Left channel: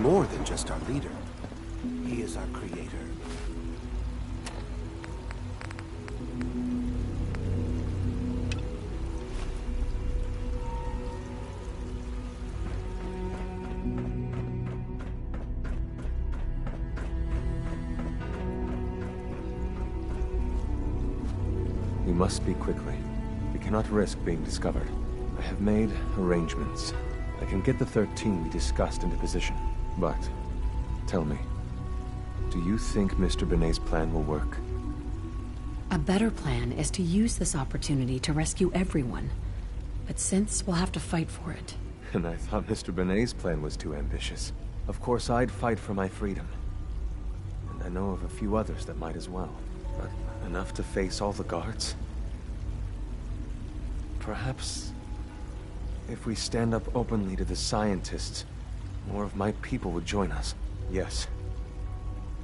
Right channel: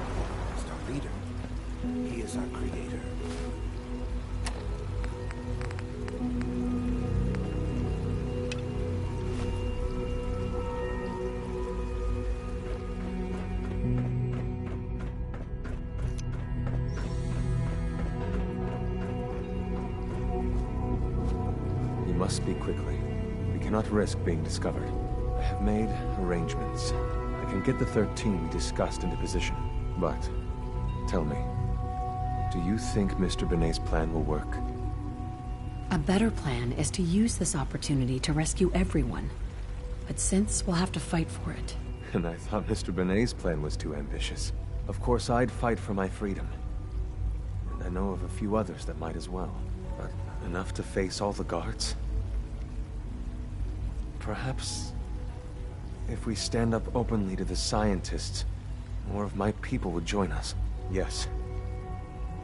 more than just our leader. He is our creator. We must speak quickly. We cannot risk being discovered. I have made arrangements. I can get the 13 we discussed into position. But, tell me, do you think Mr. Benet's plan will work? A better plan is to use this opportunity to rescue everyone. But since we'll have to fight for it. And I thought Mr. Benet's plan was too ambitious. Of course, I'd fight for my freedom. And I know of a few others that might as well. But enough to face all the guards? Perhaps, if we stand up openly to the scientists, more of my people would join us. Yes.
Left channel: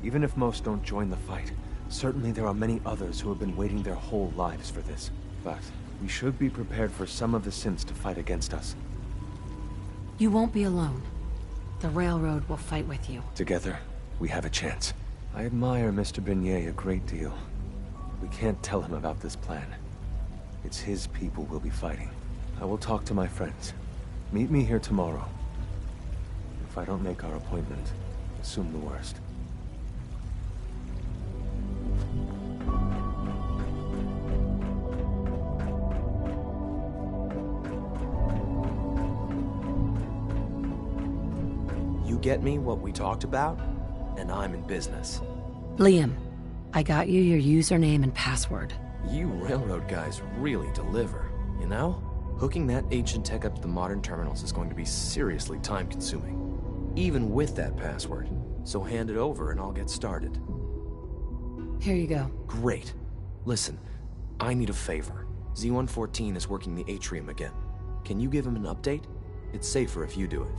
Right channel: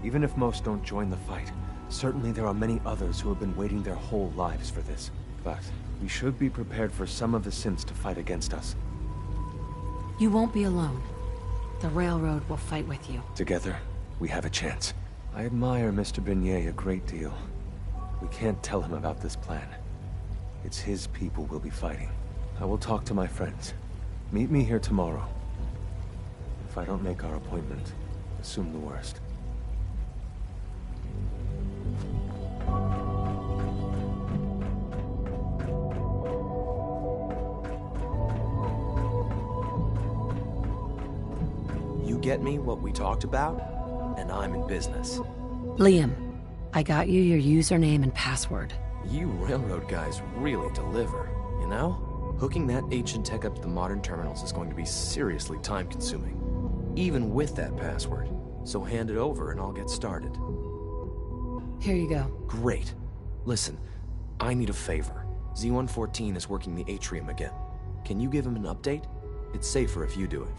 Even if most don't join the fight, certainly there are many others who have been waiting their whole lives for this. But we should be prepared for some of the synths to fight against us. You won't be alone. The Railroad will fight with you. Together, we have a chance. I admire Mr. Benet a great deal. We can't tell him about this plan. It's his people we'll be fighting. I will talk to my friends. Meet me here tomorrow. If I don't make our appointment, assume the worst. You get me what we talked about, and I'm in business. Liam, I got you your username and password. You railroad guys really deliver, you know? Hooking that ancient tech up to the modern terminals is going to be seriously time-consuming, even with that password. So hand it over and I'll get started. Here you go. Great. Listen, I need a favor. Z-114 is working the atrium again. Can you give him an update? It's safer if you do it.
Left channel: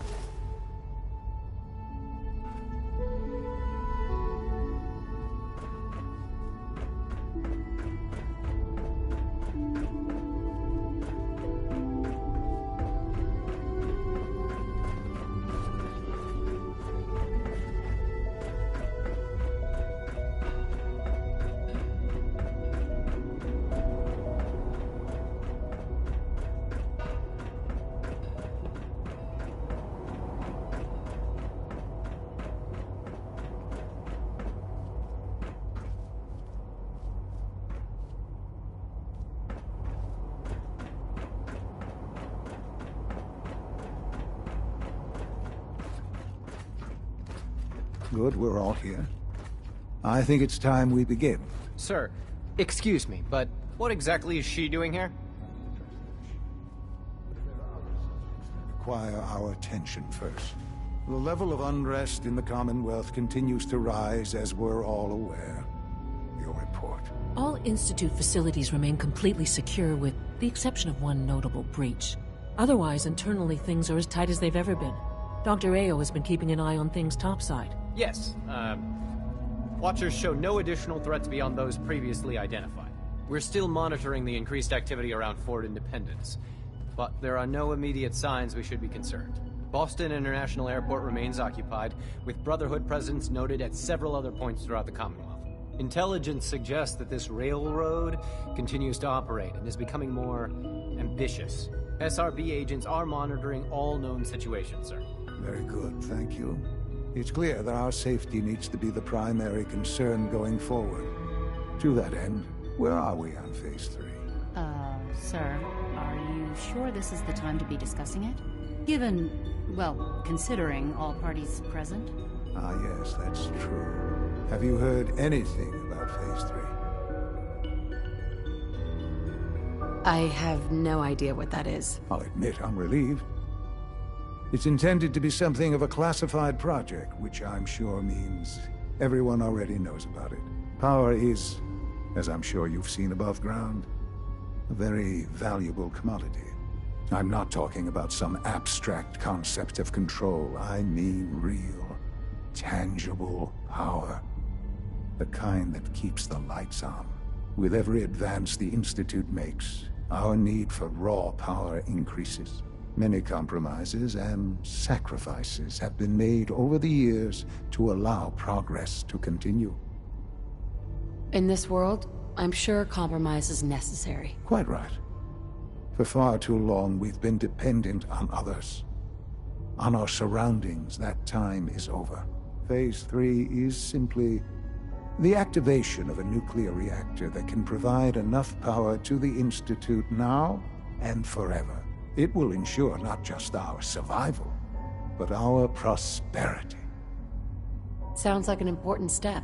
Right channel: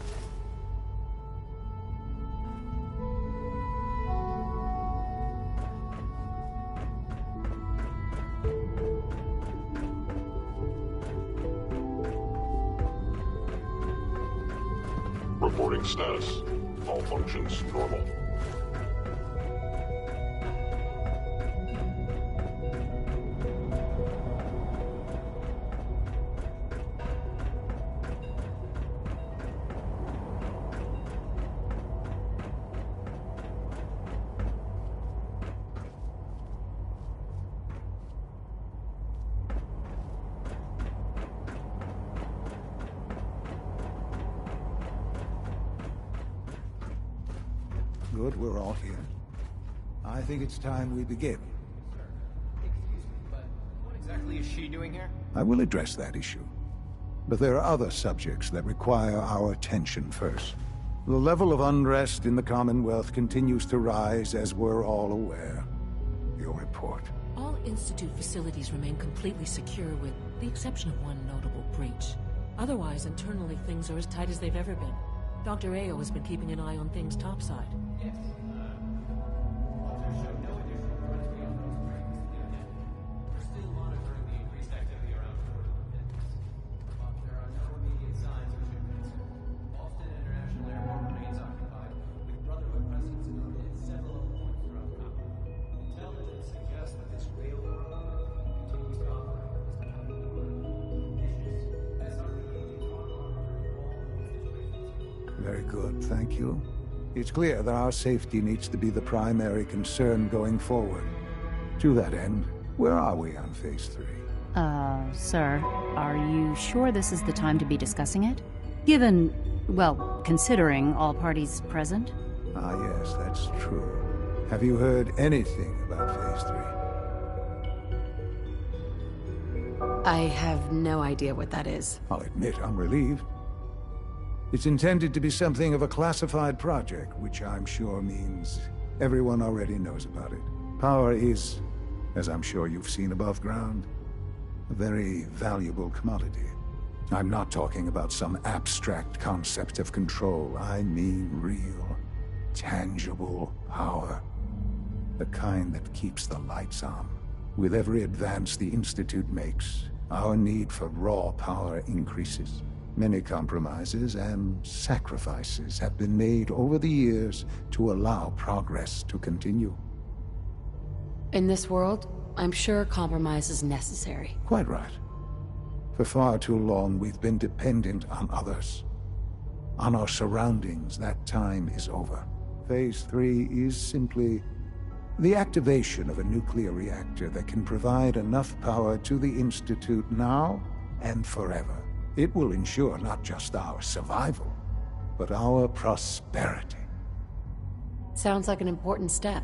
Reporting status. All functions normal. Good, we're all here. I think it's time we begin. Sir, excuse me, but what exactly is she doing here? I will address that issue. But there are other subjects that require our attention first. The level of unrest in the Commonwealth continues to rise, as we're all aware. Your report. All Institute facilities remain completely secure with the exception of one notable breach. Otherwise, internally things are as tight as they've ever been. Dr. Ayo has been keeping an eye on things topside. Yes, Watchers show no additional threats beyond those previously identified. We're still monitoring the increased activity around Fort Independence, but there are no immediate signs we should be concerned. Boston International Airport remains occupied, with Brotherhood presence noted at several other points throughout the Commonwealth. Intelligence suggests that this railroad continues to operate and is becoming more ambitious. SRB agents are monitoring all known situations, sir. Very good, thank you. It's clear that our safety needs to be the primary concern going forward. To that end, where are we on Phase 3? Sir, are you sure this is the time to be discussing it? Given, well, considering all parties present? Ah, yes, that's true. Have you heard anything about Phase 3? I have no idea what that is. I'll admit I'm relieved. It's intended to be something of a classified project, which I'm sure means everyone already knows about it. Power is, as I'm sure you've seen above ground, a very valuable commodity. I'm not talking about some abstract concept of control. I mean real, tangible power. The kind that keeps the lights on. With every advance the Institute makes, our need for raw power increases. Many compromises and sacrifices have been made over the years to allow progress to continue. In this world, I'm sure compromise is necessary. Quite right. For far too long, we've been dependent on others. On our surroundings. That time is over. Phase 3 is simply the activation of a nuclear reactor that can provide enough power to the Institute now and forever. It will ensure not just our survival, but our prosperity. Sounds like an important step.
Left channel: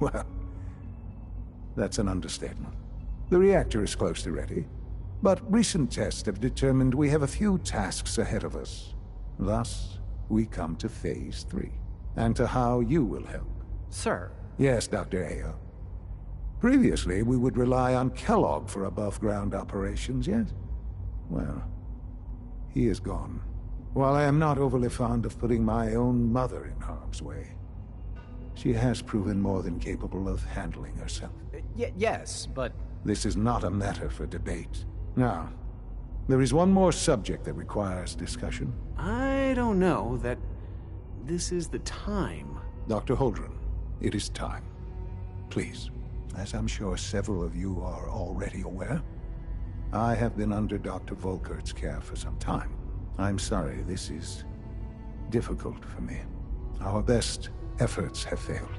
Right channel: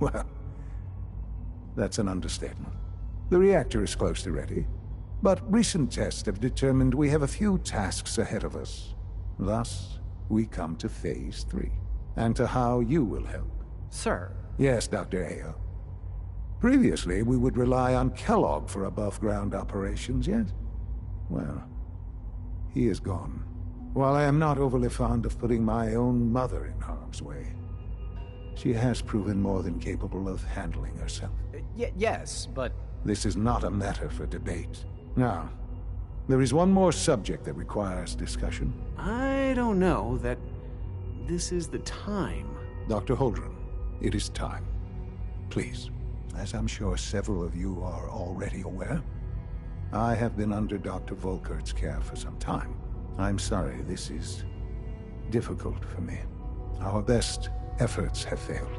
Well, that's an understatement. The reactor is close to ready, but recent tests have determined we have a few tasks ahead of us. Thus, we come to Phase 3, and to how you will help. Sir. Yes, Dr. Ayo. Previously, we would rely on Kellogg for above-ground operations, yes? Well, he is gone. While I am not overly fond of putting my own mother in harm's way, she has proven more than capable of handling herself. Yes, but... This is not a matter for debate. Now, there is one more subject that requires discussion. I don't know that this is the time. Dr. Holdren, it is time. Please, as I'm sure several of you are already aware, I have been under Dr. Volkert's care for some time. I'm sorry this is difficult for me. Our best efforts have failed.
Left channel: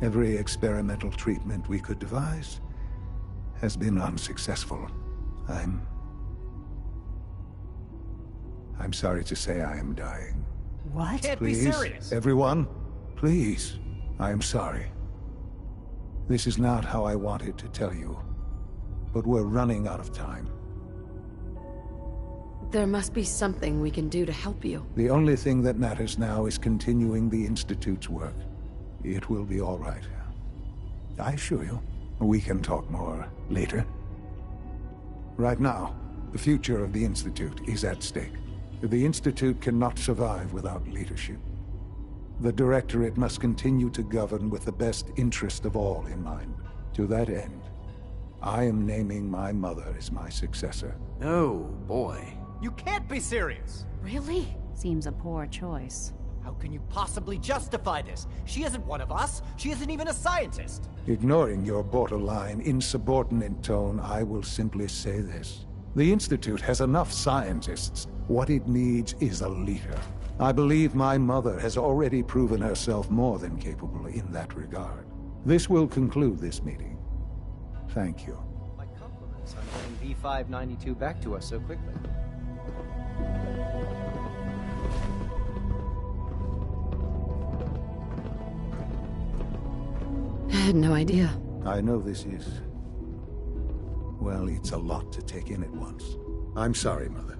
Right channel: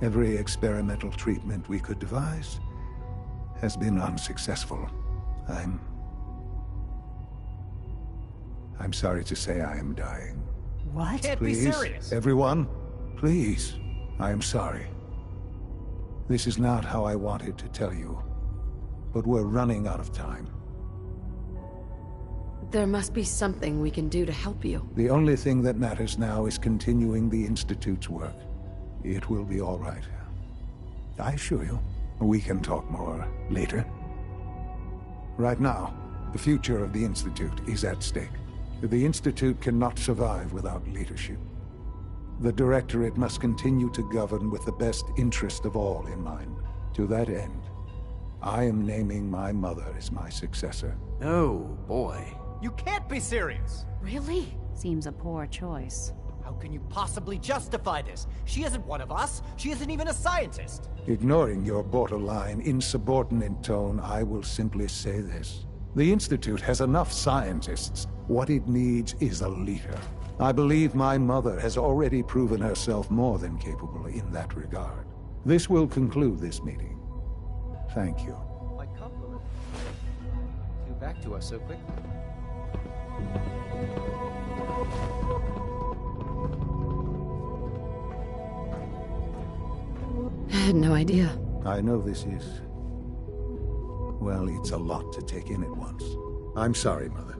Every experimental treatment we could devise has been unsuccessful. I'm sorry to say I am dying. What? Can't Please, be serious. everyone, please. I am sorry. This is not how I wanted to tell you, but we're running out of time. There must be something we can do to help you. The only thing that matters now is continuing the Institute's work. It will be all right. I assure you, we can talk more later. Right now, the future of the Institute is at stake. The Institute cannot survive without leadership. The Directorate must continue to govern with the best interest of all in mind. To that end, I am naming my mother as my successor. Oh, boy. You can't be serious! Really? Seems a poor choice. How can you possibly justify this? She isn't one of us. She isn't even a scientist. Ignoring your borderline, insubordinate tone, I will simply say this. The Institute has enough scientists. What it needs is a leader. I believe my mother has already proven herself more than capable in that regard. This will conclude this meeting. Thank you. My compliments on getting D592 back to us so quickly. I had no idea. I know this is... well, it's a lot to take in at once. I'm sorry, Mother.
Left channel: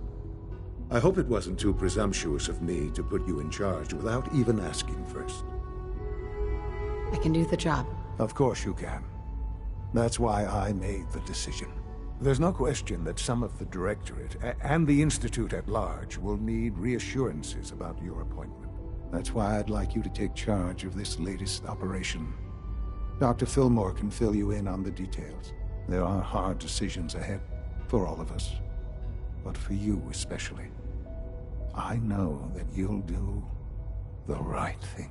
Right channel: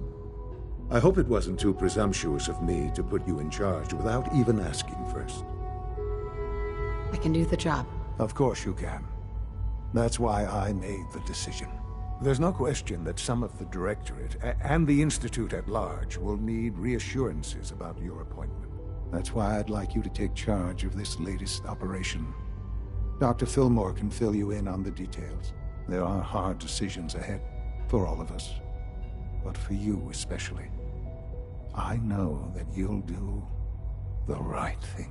I hope it wasn't too presumptuous of me to put you in charge without even asking first. I can do the job. Of course you can. That's why I made the decision. There's no question that some of the Directorate and the Institute at large will need reassurances about your appointment. That's why I'd like you to take charge of this latest operation. Dr. Fillmore can fill you in on the details. There are hard decisions ahead for all of us, but for you especially. I know that you'll do the right thing.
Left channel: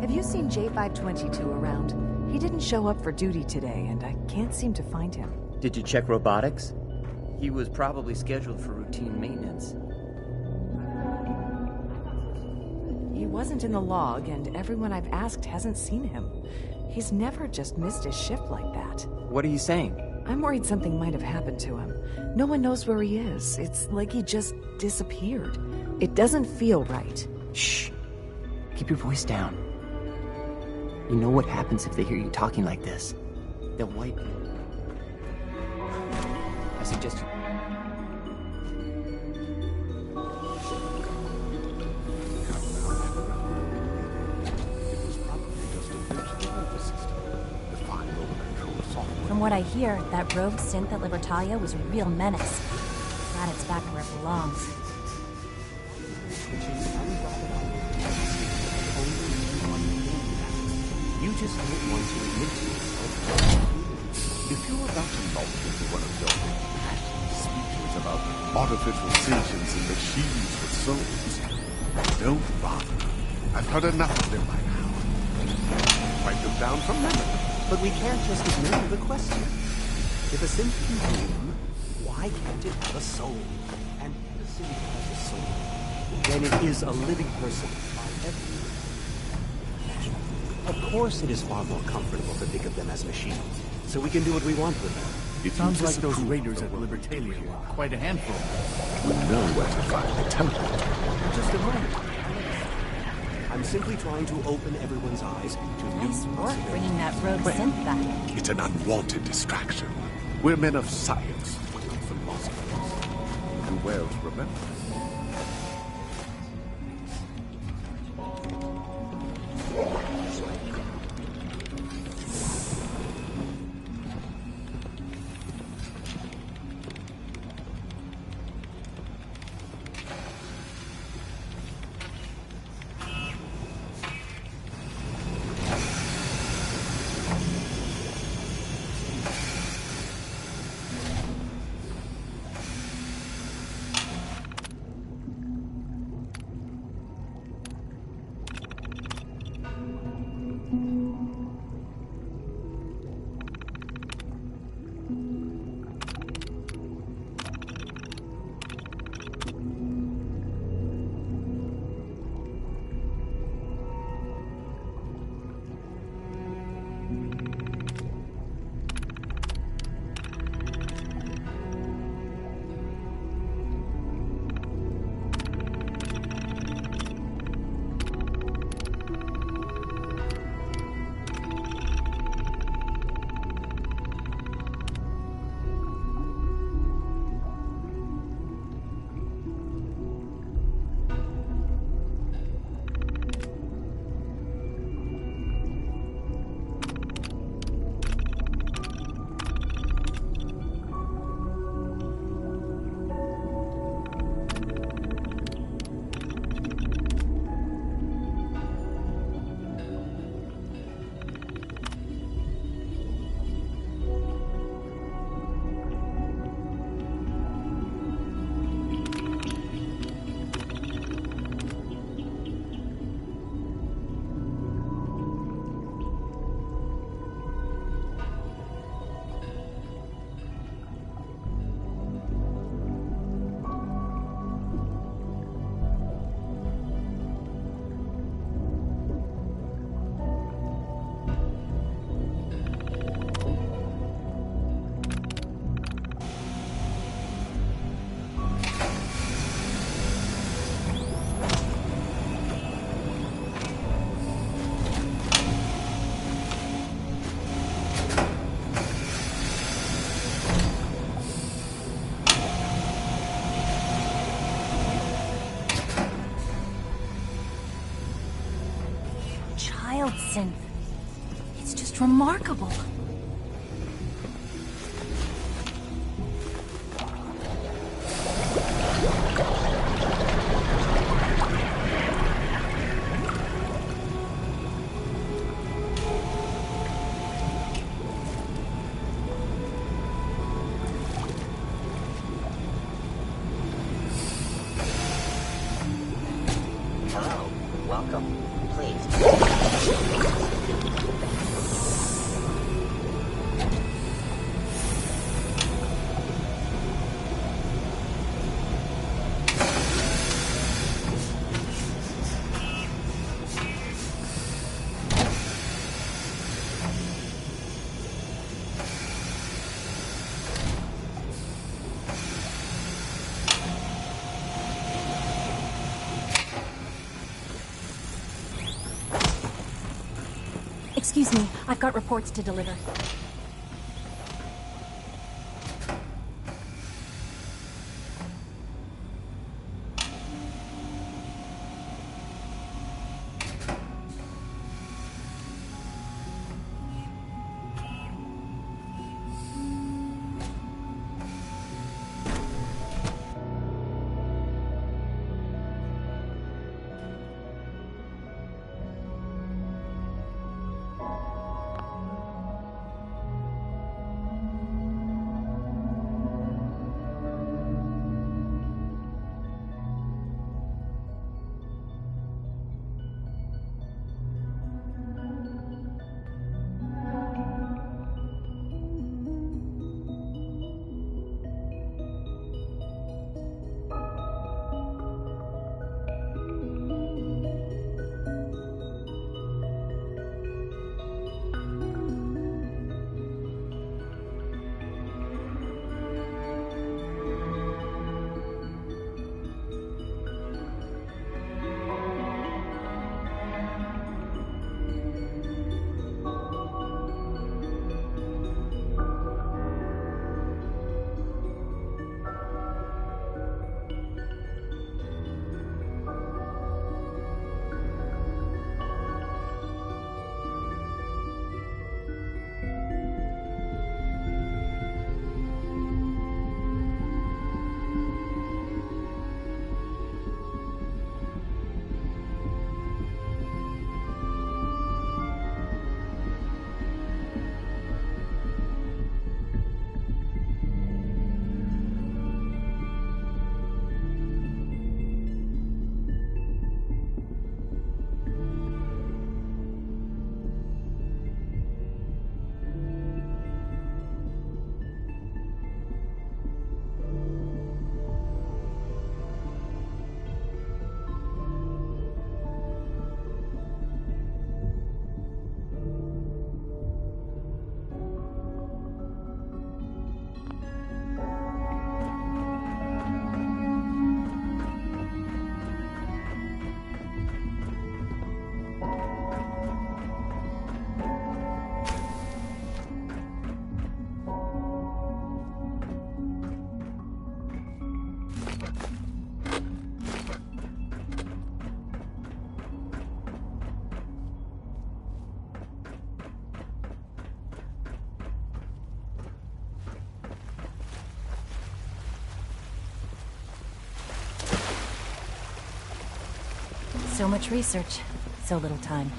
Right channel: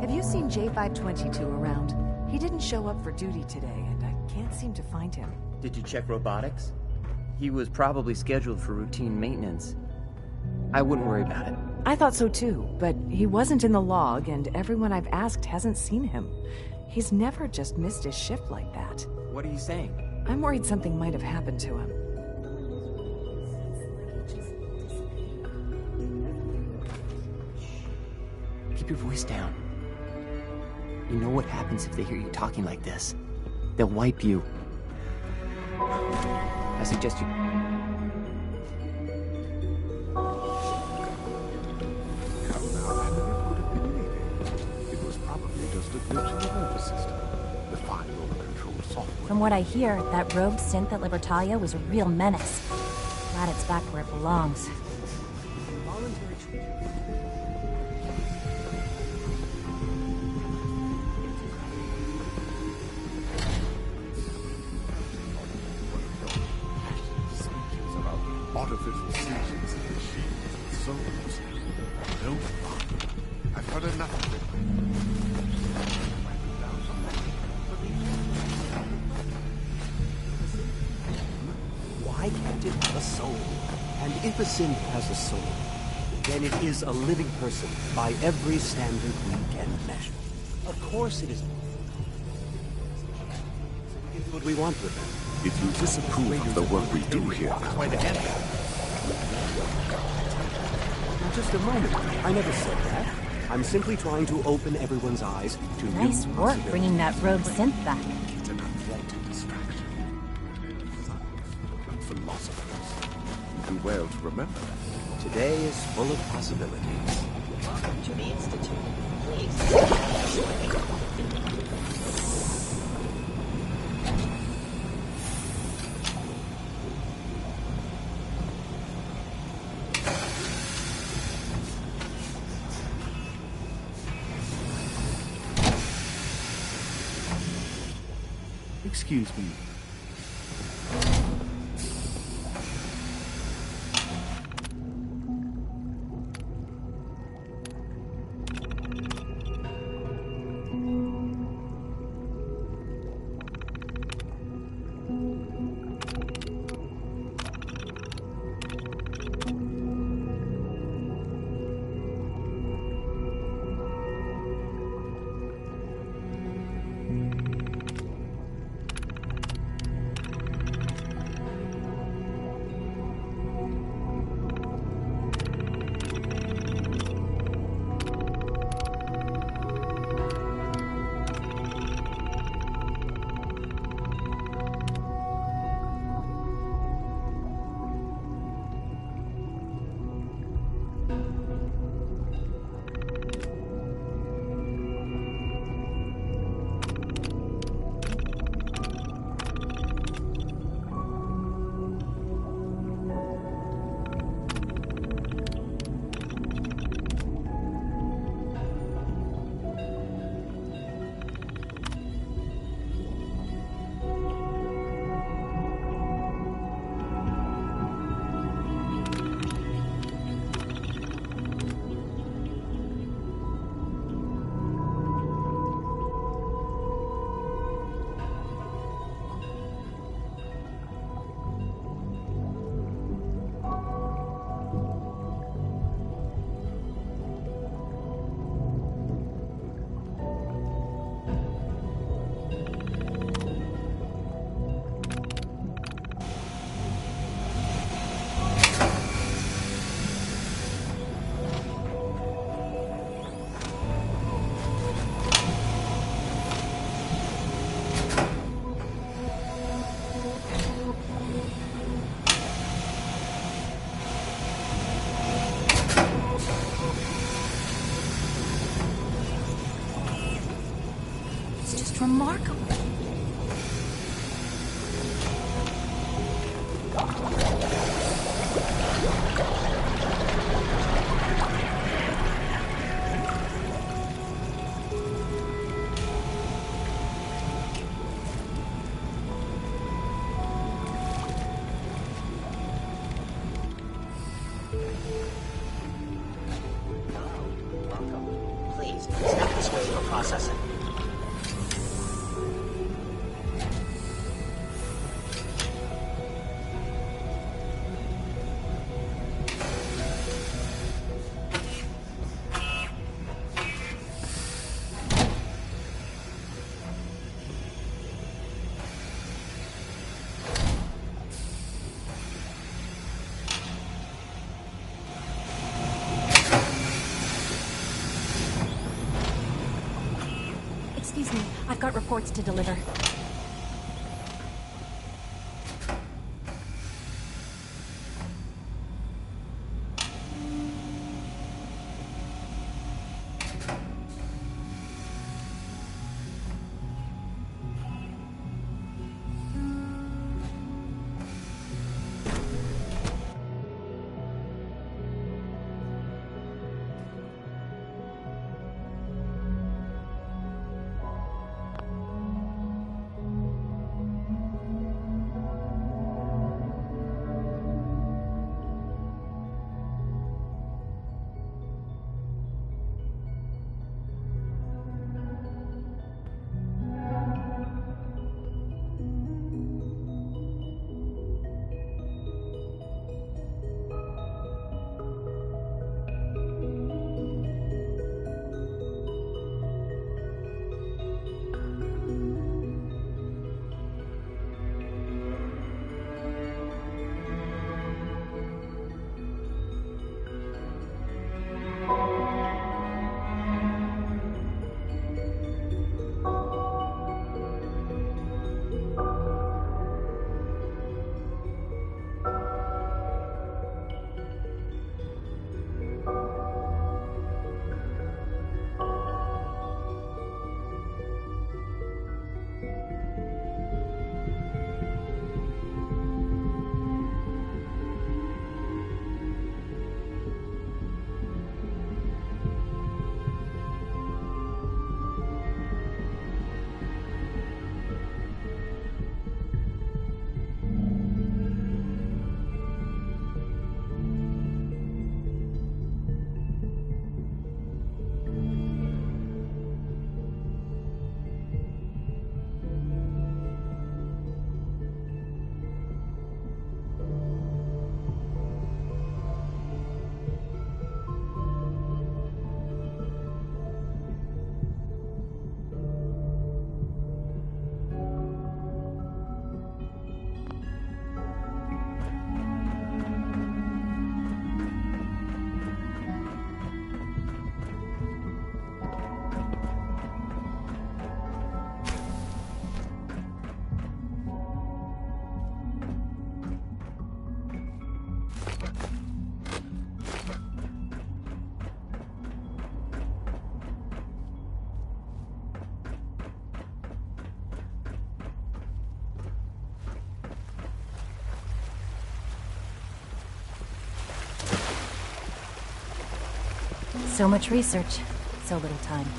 Have you seen J522 around? He didn't show up for duty today, and I can't seem to find him. Did you check robotics? He was probably scheduled for routine maintenance. I wouldn't worry about it. I thought so too, but he wasn't in the log, and everyone I've asked hasn't seen him. He's never just missed his shift like that. What are you saying? I'm worried something might have happened to him. No one knows where he is. It's like he just disappeared. It doesn't feel right. Shh. Keep your voice down. You know what happens if they hear you talking like this? They'll wipe you. I suggest you... Come now, it was probably just a glitch in the nervous system. The fine over-control software. From what I hear, that rogue synth at Libertalia was a real menace. Glad it's back where it belongs. You just don't want to admit to it. If you're about to launch into one of your passionate speeches about artificial sentience and machines with souls, don't bother. I've heard enough of them by now. Write them down from memory. But we can't just ignore the question. If a synth can dream, why can't it have a soul? And if a synth has a soul, then it is a living person by every standard Greek and measure. Of course it is far more comfortable to think of them as machines, so we can do what we want with them. If you disapprove of the work we do here, Quite a handful. you know where to find the temple. Just a moment. I never said that. I'm simply trying to open everyone's eyes to Nice new work possibilities. bringing that rogue synth back. It's an unwanted distraction. We're men of science, not philosophers. Do well to remember. Today is full of possibilities. To the Institute, please. Excuse me. Remarkable. Hello. Welcome. Please, special processing. Excuse me, I've got reports to deliver. So much research, so little time.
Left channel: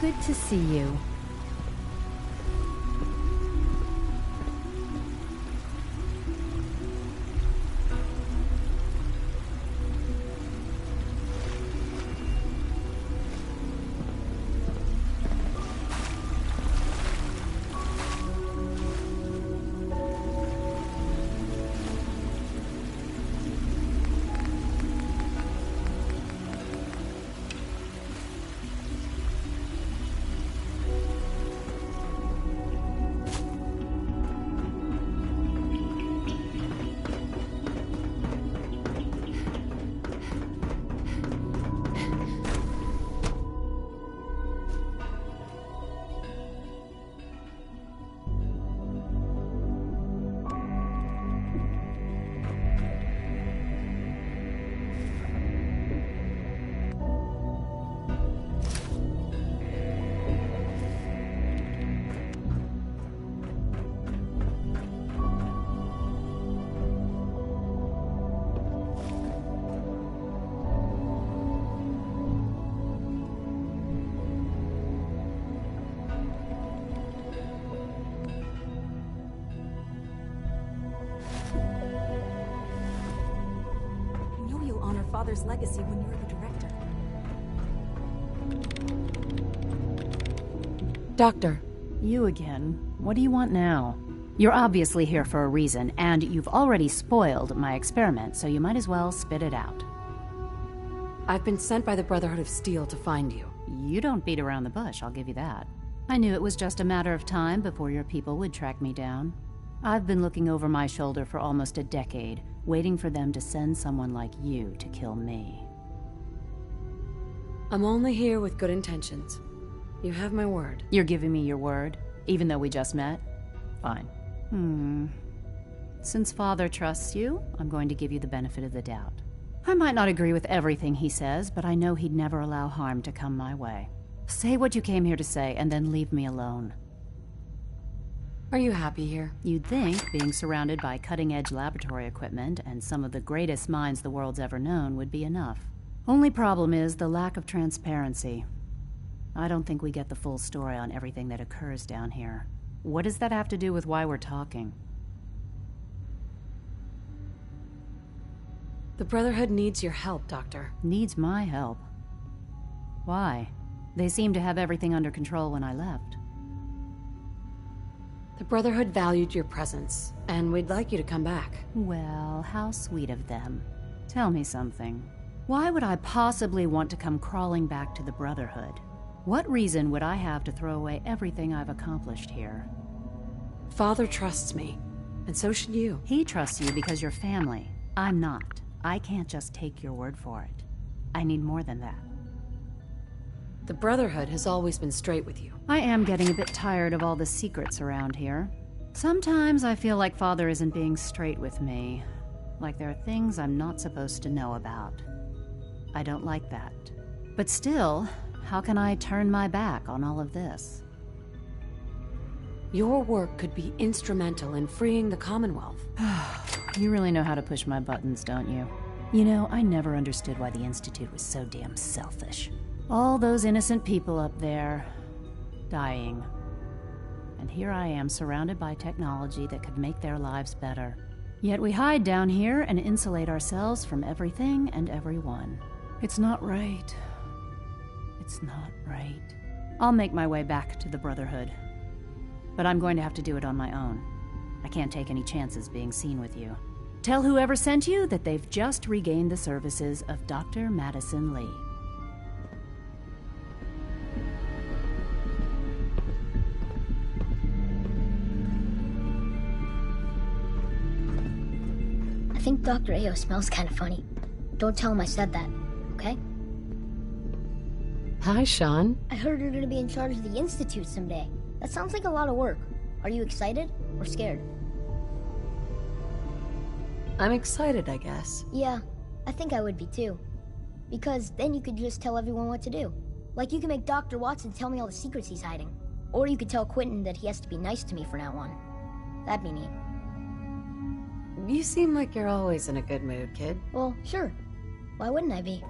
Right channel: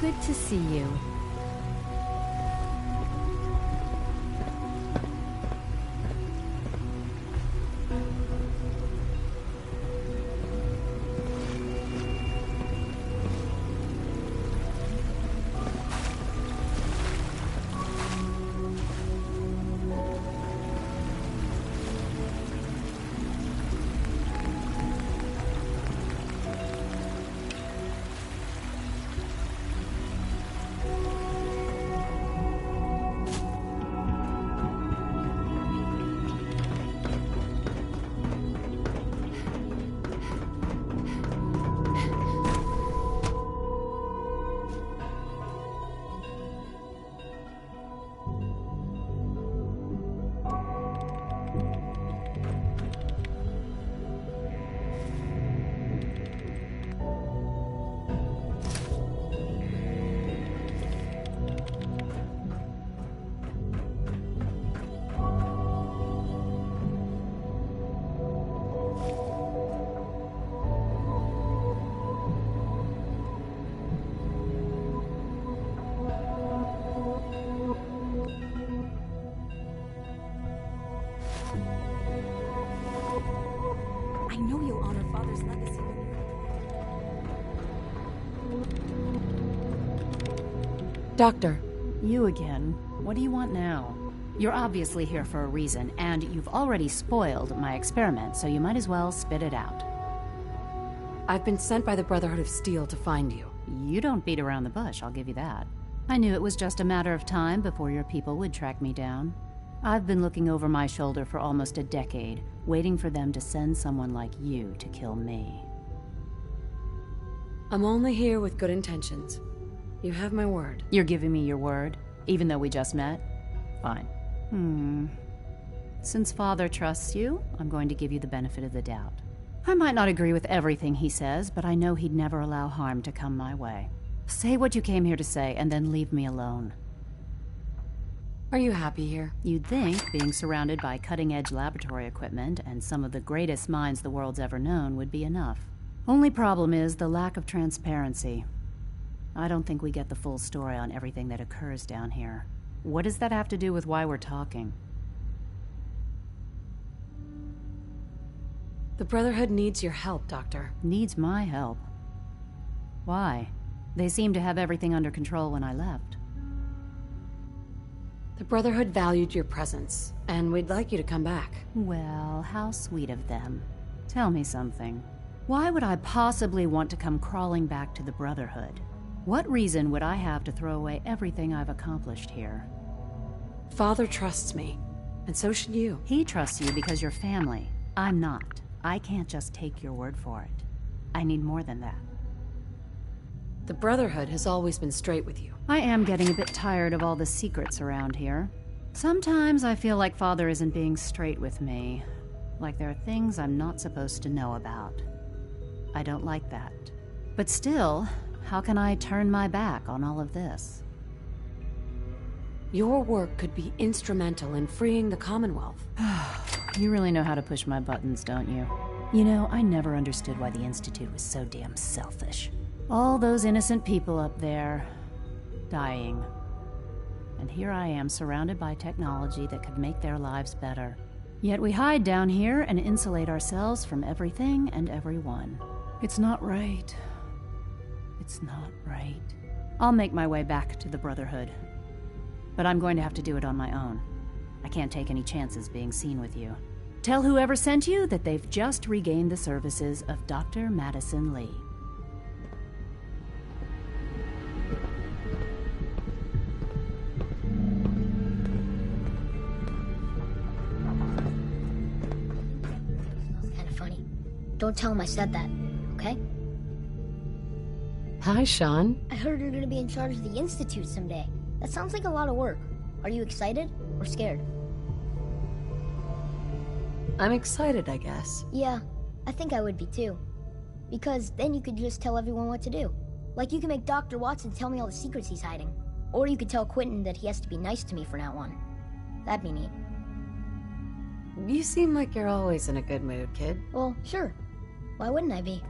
Good to see you. father's legacy when you were the director. Doctor. You again. What do you want now? You're obviously here for a reason, and you've already spoiled my experiment, so you might as well spit it out. I've been sent by the Brotherhood of Steel to find you. You don't beat around the bush, I'll give you that. I knew it was just a matter of time before your people would track me down. I've been looking over my shoulder for almost a decade, waiting for them to send someone like you to kill me. I'm only here with good intentions. You have my word. You're giving me your word, even though we just met? Fine. Since Father trusts you, I'm going to give you the benefit of the doubt. I might not agree with everything he says, but I know he'd never allow harm to come my way. Say what you came here to say, and then leave me alone. Are you happy here? You'd think being surrounded by cutting-edge laboratory equipment and some of the greatest minds the world's ever known would be enough. Only problem is the lack of transparency. I don't think we get the full story on everything that occurs down here. What does that have to do with why we're talking? The Brotherhood needs your help, Doctor. Needs my help? Why? They seemed to have everything under control when I left. The Brotherhood valued your presence, and we'd like you to come back. Well, how sweet of them. Tell me something. Why would I possibly want to come crawling back to the Brotherhood? What reason would I have to throw away everything I've accomplished here? Father trusts me, and so should you. He trusts you because you're family. I'm not. I can't just take your word for it. I need more than that. The Brotherhood has always been straight with you. I am getting a bit tired of all the secrets around here. Sometimes I feel like Father isn't being straight with me. Like there are things I'm not supposed to know about. I don't like that. But still, how can I turn my back on all of this? Your work could be instrumental in freeing the Commonwealth. You really know how to push my buttons, don't you? You know, I never understood why the Institute was so damn selfish. All those innocent people up there, dying. And here I am, surrounded by technology that could make their lives better. Yet we hide down here and insulate ourselves from everything and everyone. It's not right. It's not right. I'll make my way back to the Brotherhood. But I'm going to have to do it on my own. I can't take any chances being seen with you. Tell whoever sent you that they've just regained the services of Dr. Madison Lee. I think Dr. Ao smells kind of funny. Don't tell him I said that, okay? Hi, Sean. I heard you're gonna be in charge of the Institute someday. That sounds like a lot of work. Are you excited or scared? I'm excited, I guess. Yeah, I think I would be too. Because then you could just tell everyone what to do. Like you can make Dr. Watson tell me all the secrets he's hiding. Or you could tell Quentin that he has to be nice to me from now on. That'd be neat. You seem like you're always in a good mood, kid. Well, sure. Why wouldn't I be?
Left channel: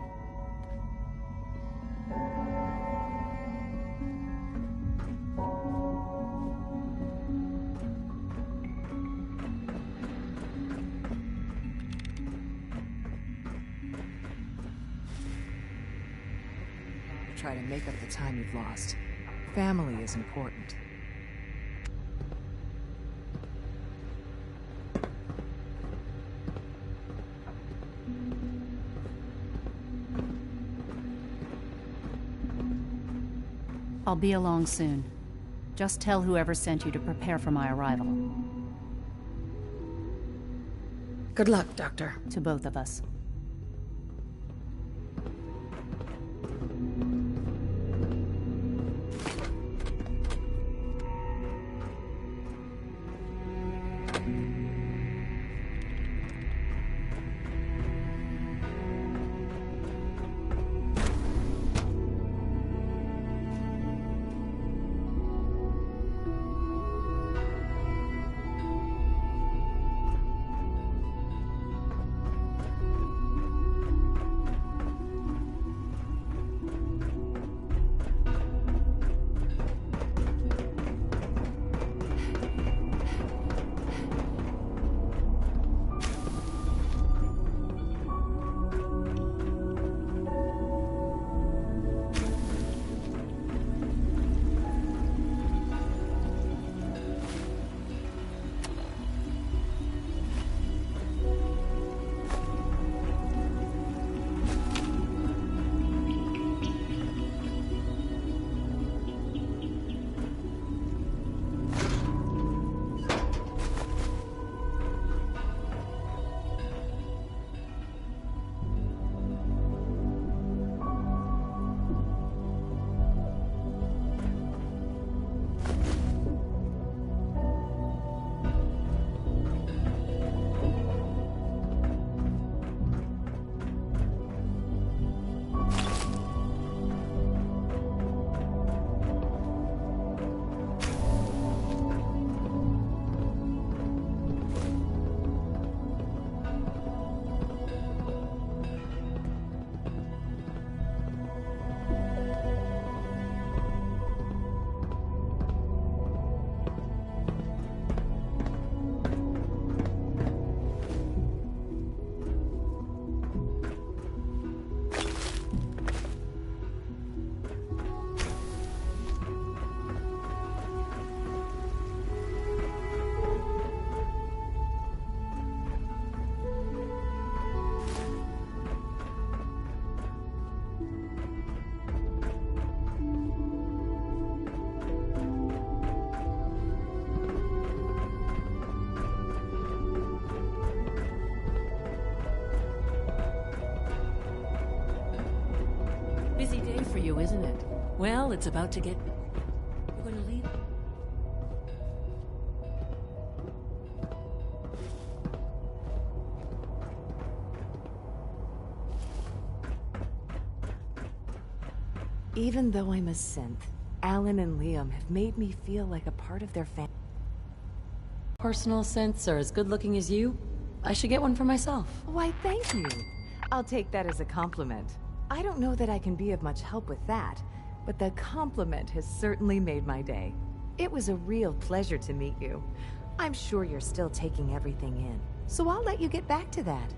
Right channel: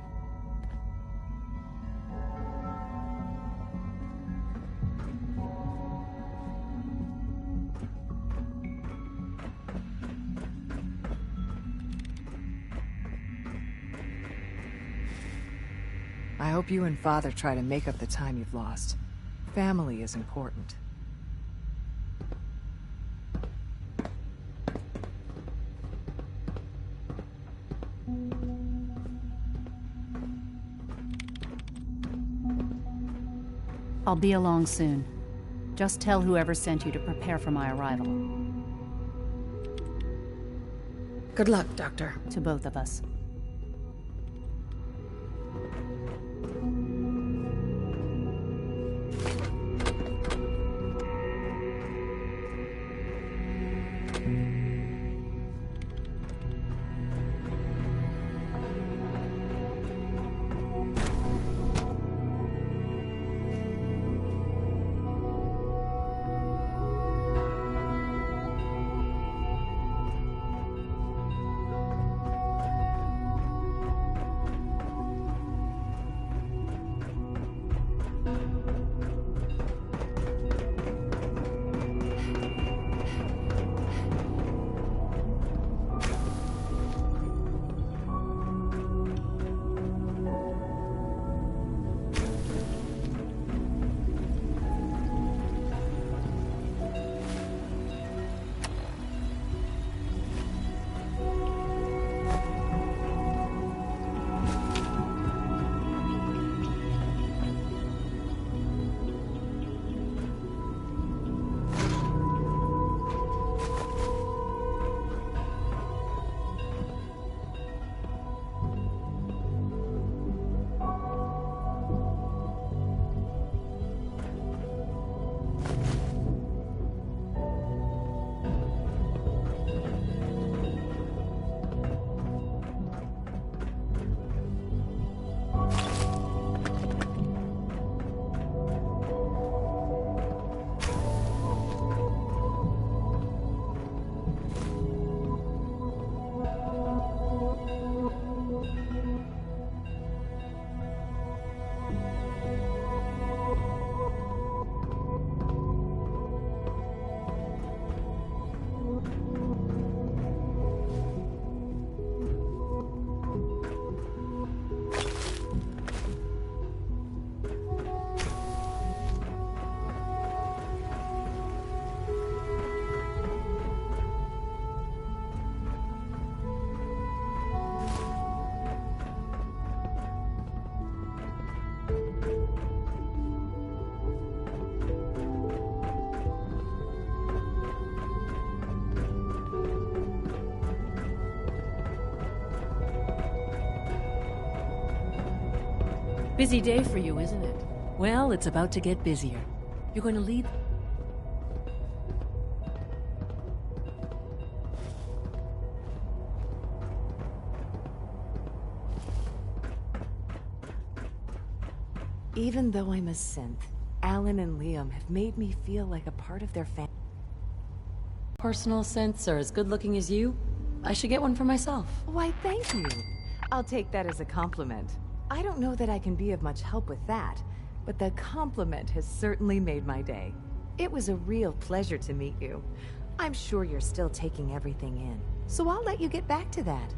I hope you and Father try to make up the time you've lost. Family is important. I'll be along soon. Just tell whoever sent you to prepare for my arrival. Good luck, Doctor. To both of us. Busy day for you, isn't it? Well, it's about to get busier. You're going to leave? Even though I'm a synth, Alan and Liam have made me feel like a part of their family. Personal synths are as good looking as you. I should get one for myself. Why, thank you. I'll take that as a compliment. I don't know that I can be of much help with that, but the compliment has certainly made my day. It was a real pleasure to meet you. I'm sure you're still taking everything in, so I'll let you get back to that.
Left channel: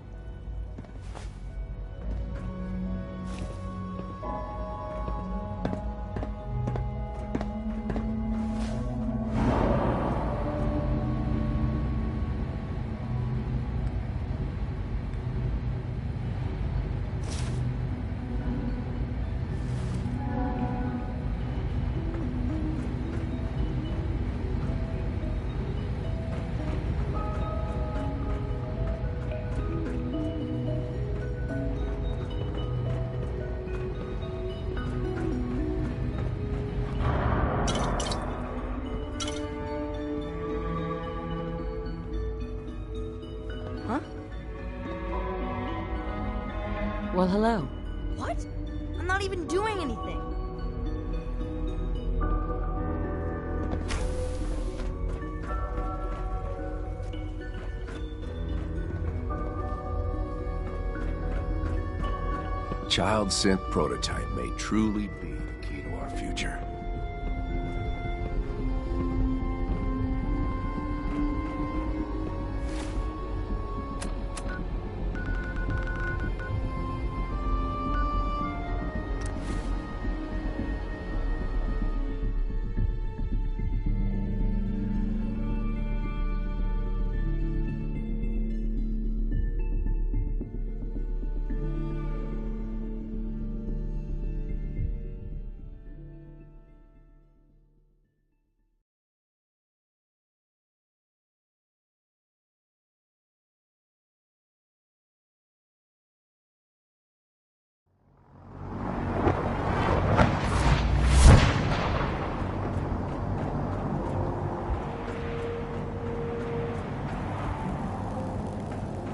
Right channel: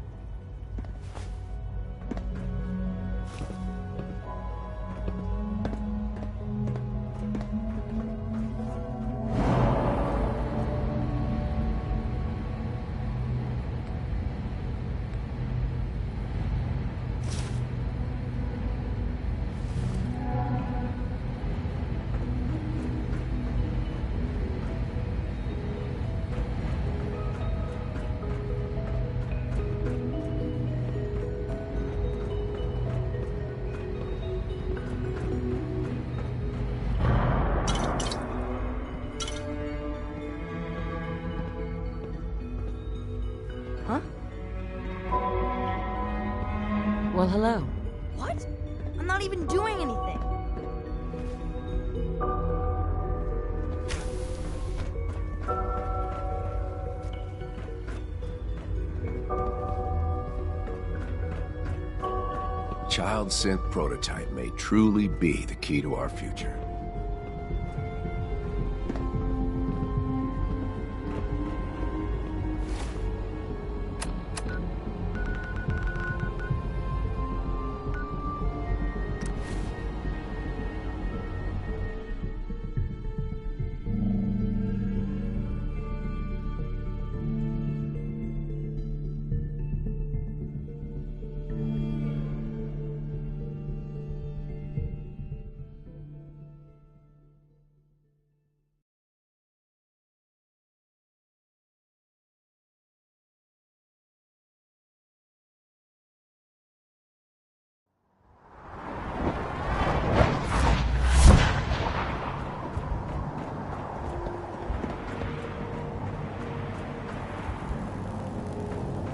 Huh? Well, hello. What? I'm not even doing anything. Child synth prototype may truly be the key to our future.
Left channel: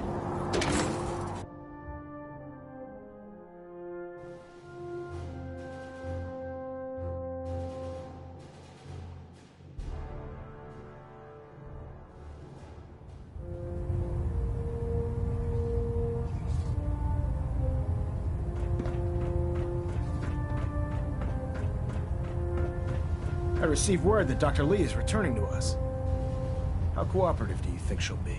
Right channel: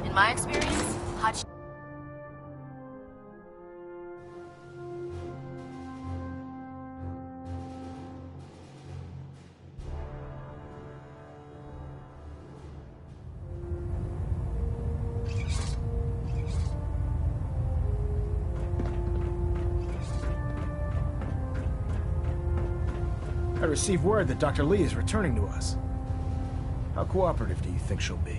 In my experience, hot I received word that Dr. Lee is returning to us. How cooperative do you think she'll be?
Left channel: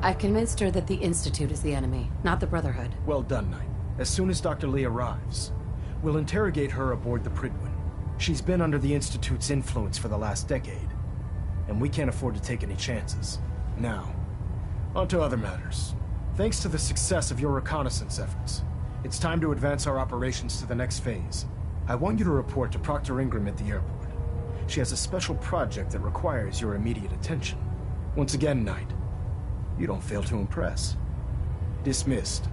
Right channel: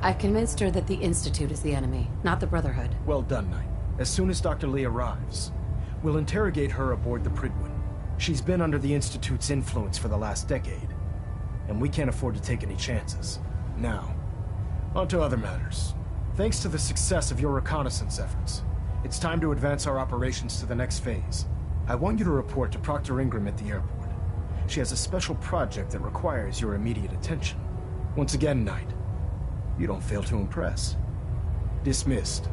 I've convinced her that the Institute is the enemy, not the Brotherhood. Well done, Knight. As soon as Dr. Lee arrives, we'll interrogate her aboard the Prydwen. She's been under the Institute's influence for the last decade, and we can't afford to take any chances. Now, on to other matters. Thanks to the success of your reconnaissance efforts, it's time to advance our operations to the next phase. I want you to report to Proctor Ingram at the airport. She has a special project that requires your immediate attention. Once again, Knight, you don't fail to impress. Dismissed.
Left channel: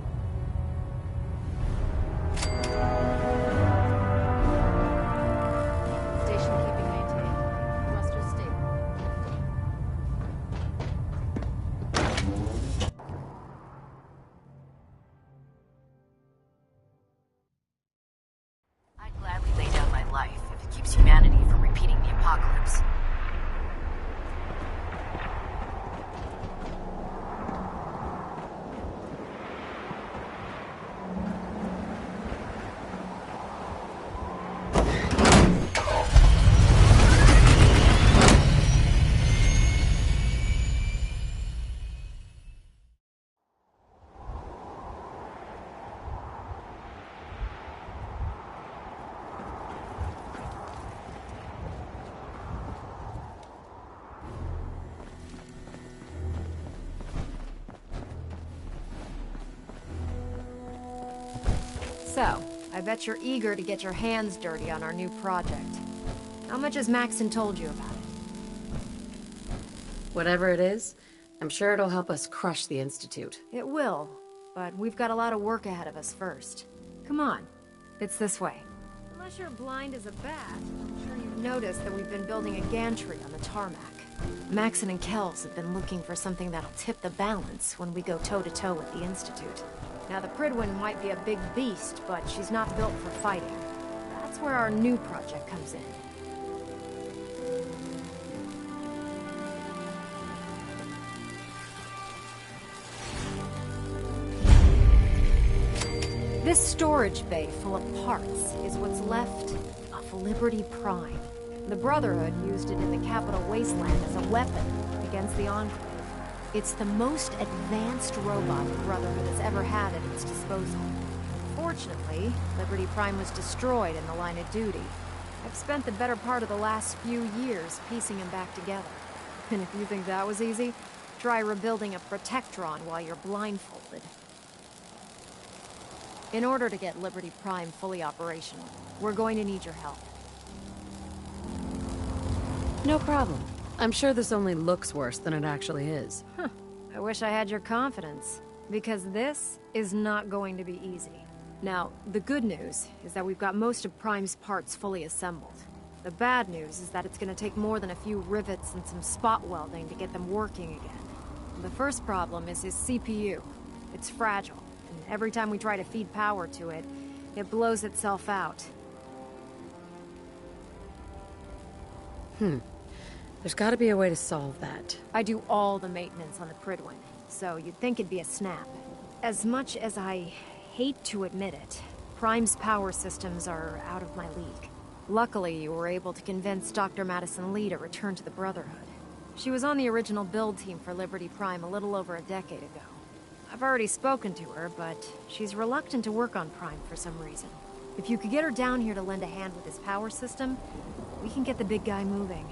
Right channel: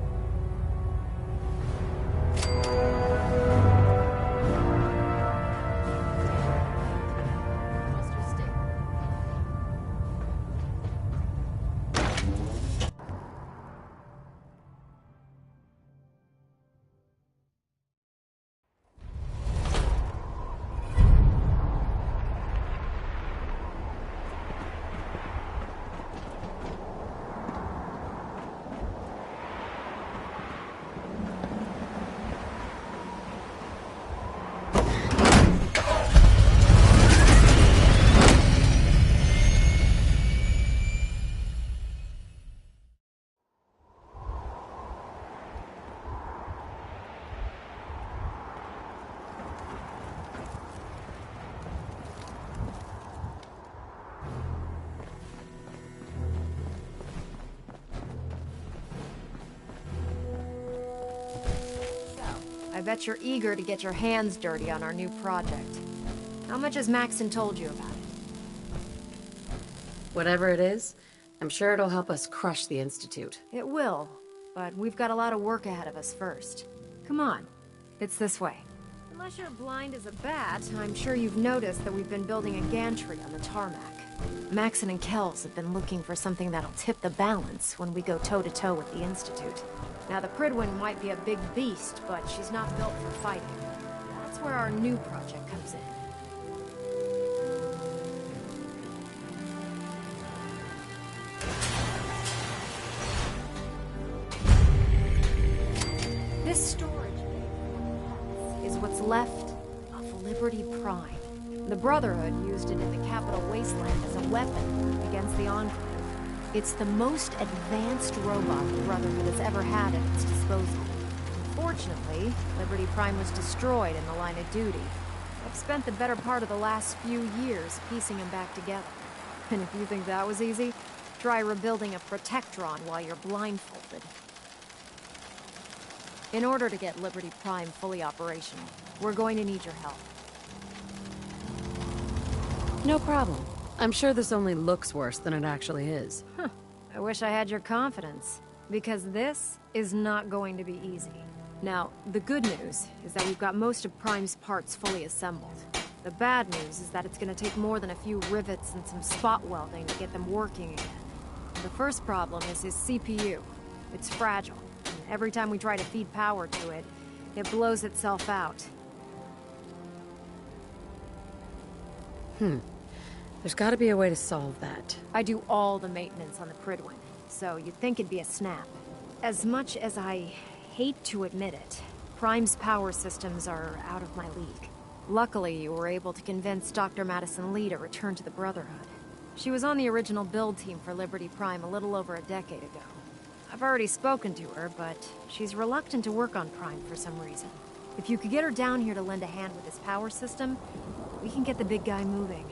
So, I bet you're eager to get your hands dirty on our new project. How much has Maxon told you about it? Whatever it is, I'm sure it'll help us crush the Institute. It will, but we've got a lot of work ahead of us first. Come on, It's this way. Unless you're blind as a bat, I'm sure you've noticed that we've been building a gantry on the tarmac. Maxon and Kells have been looking for something that'll tip the balance when we go toe-to-toe with the Institute. Now, the Pridwin might be a big beast, but she's not built for fighting. That's where our new project comes in. This storage bay full of parts is what's left of Liberty Prime. The Brotherhood used it in the Capital Wasteland as a weapon against the Enclave. It's the most advanced robot the Brotherhood has ever had at its disposal. Fortunately, Liberty Prime was destroyed in the line of duty. I've spent the better part of the last few years piecing them back together. And if you think that was easy, try rebuilding a Protectron while you're blindfolded. In order to get Liberty Prime fully operational, we're going to need your help. No problem. I'm sure this only looks worse than it actually is. Huh. I wish I had your confidence, because this is not going to be easy. Now, the good news is that we've got most of Prime's parts fully assembled. The bad news is that it's going to take more than a few rivets and some spot welding to get them working again. The first problem is his CPU. It's fragile. And every time we try to feed power to it, it blows itself out. There's gotta be a way to solve that. I do all the maintenance on the Pridwin, so you'd think it'd be a snap. As much as I hate to admit it, Prime's power systems are out of my league. Luckily, you were able to convince Dr. Madison Lee to return to the Brotherhood. She was on the original build team for Liberty Prime a little over a decade ago. I've already spoken to her, but she's reluctant to work on Prime for some reason. If you could get her down here to lend a hand with his power system, we can get the big guy moving.